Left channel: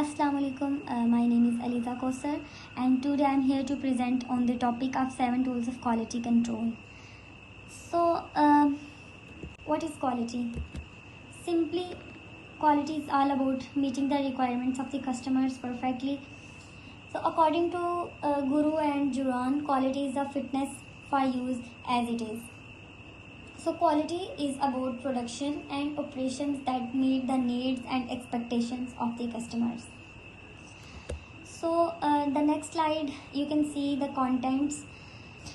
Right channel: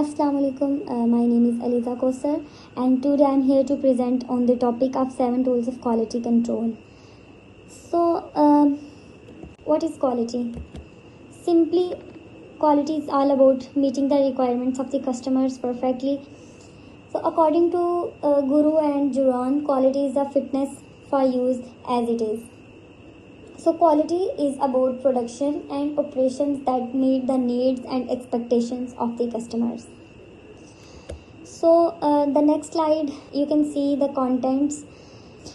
Assalamu alaikum. My name is Aliza Kosar, and today I'm here to present on the topic of 7 tools of quality control. So, what is quality? Simply, quality is all about meeting the requirements of the customers perfectly. So, according to Guru and Juran, quality is a fitness for use as it is. So, quality is about production and operations that meet the needs and expectations of the customers. So, the next slide, you can see the contents.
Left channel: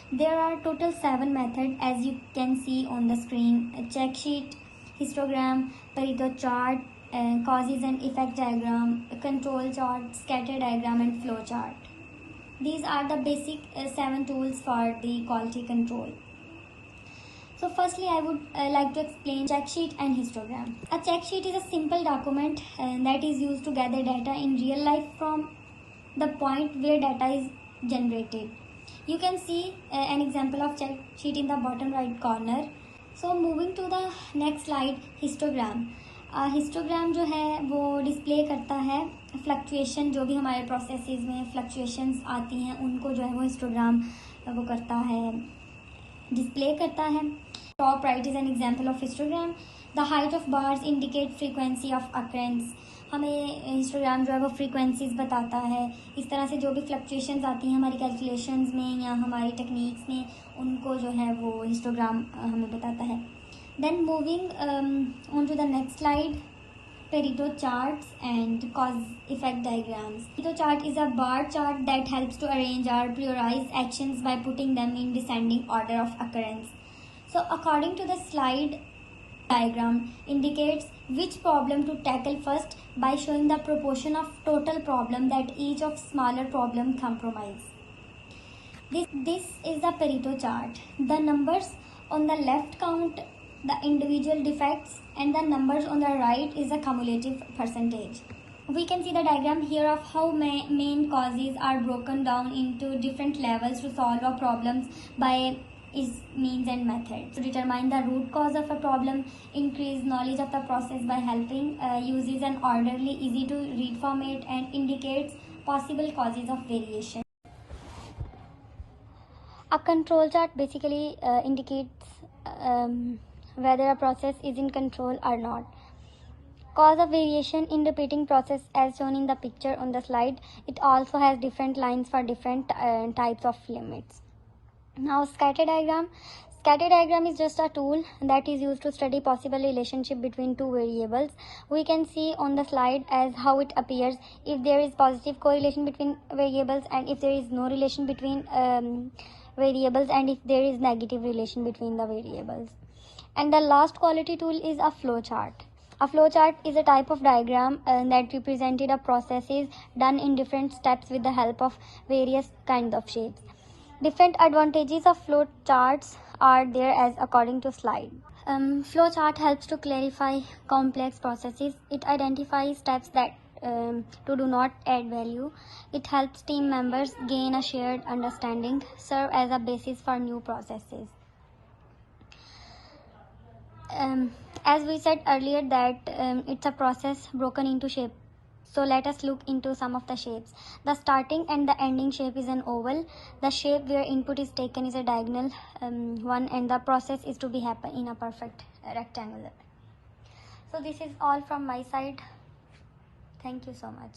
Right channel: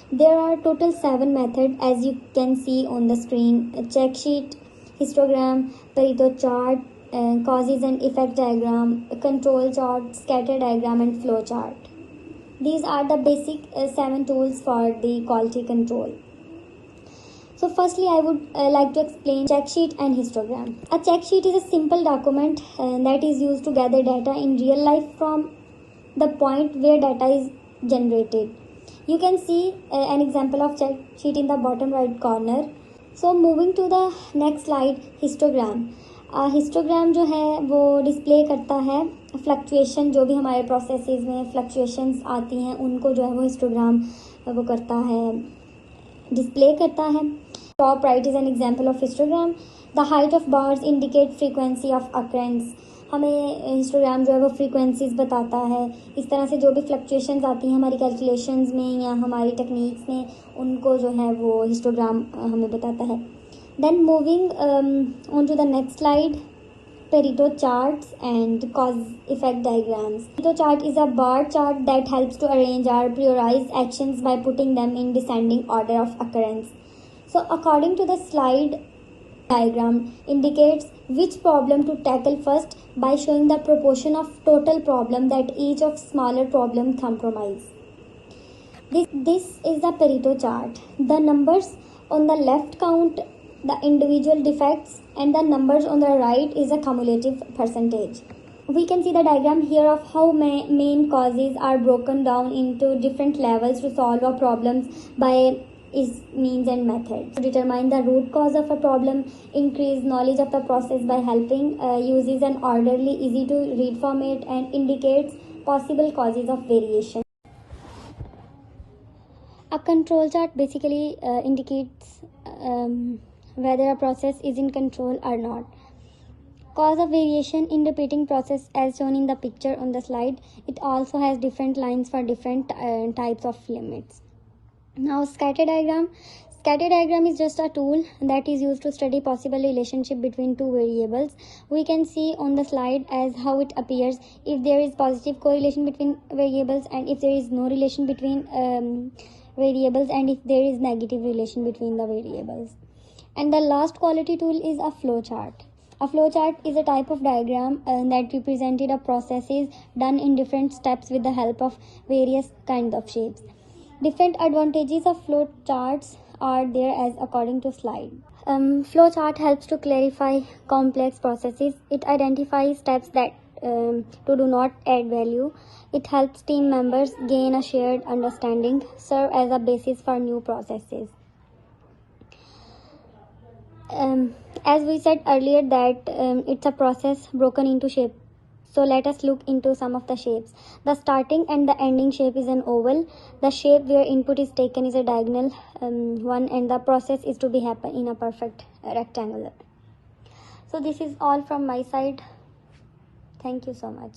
There are total 7 methods as you can see on the screen: a check sheet, histogram, Pareto chart, causes and effect diagram, a control chart, scatter diagram, and flow chart. These are the basic 7 tools for the quality control. So firstly, I would like to explain check sheet and histogram. A check sheet is a simple document that is used to gather data in real life from the point where data is generated. You can see an example of check sheet in the bottom right corner. So moving to the next slide, histogram. Histogram जो है वो display करता है fluctuation, जो भी हमारे processes में fluctuations आती हैं उनको जो है वो हिस्टोग्राम वो करता है, डिस्प्ले करता है. Top right is an example of histogram. The height of bars indicate frequency of occurrence. हमें हिस्टोग्राम जो है वो फ्रीक्वेंसीज बताता है. इस तरह से जो भी फ्लक्चुएशंस आती हैं हमारी कैलकुलेशंस में या हमारी टेक्निक्स में, उनको जो है वो हिस्टोग्राम हमें बताता है. Then moving on to the next slide, Pareto charts and cause effect diagrams. Pareto chart is a bar chart that helps to arrange or prioritize actions by putting them in descending order of occurrence. So according to the slide, diagram indicates which problem to tackle first by showing the proportion of total problem that each of smaller problem compromise. This is the Pareto chart. The numbers on the left count the individual defects and the numbers on the right is a cumulative percentage. We can see the diagram here of how main causes are broken down into different levels to solve a problems by its means and methods. To determine the root cause of a problem, increase knowledge of the process by helping uses an orderly, easy to read format and indicates possible causes of variation. A control chart basically indicates whether a process is in control or not. Cause of variation in repeating process as shown in the picture on the slide. It also has different lines for different types of limits. Now scatter diagram. Scatter diagram is just a tool that is used to study possible relationship between two variables. We can see on the slide as how it appears if there is positive correlation between variables and if there is no relation between variables and if there is negative relation between the variables. And the last quality tool is a flow chart. A flow chart is a type of diagram that represented a processes done in different steps with the help of various kinds of shapes. Different advantages of flow charts are there as according to slide. Flow chart helps to clarify complex processes. It identifies steps that do not add value. It helps team members gain a shared understanding, serve as a basis for new processes. As we said earlier that it's a process broken into shape. So let us look into some of the shapes. The starting and the ending shape is an oval. The shape where input is taken is a diagonal one, and the process is to be happen in a perfect rectangular. So this is all from my side. Thank you so much.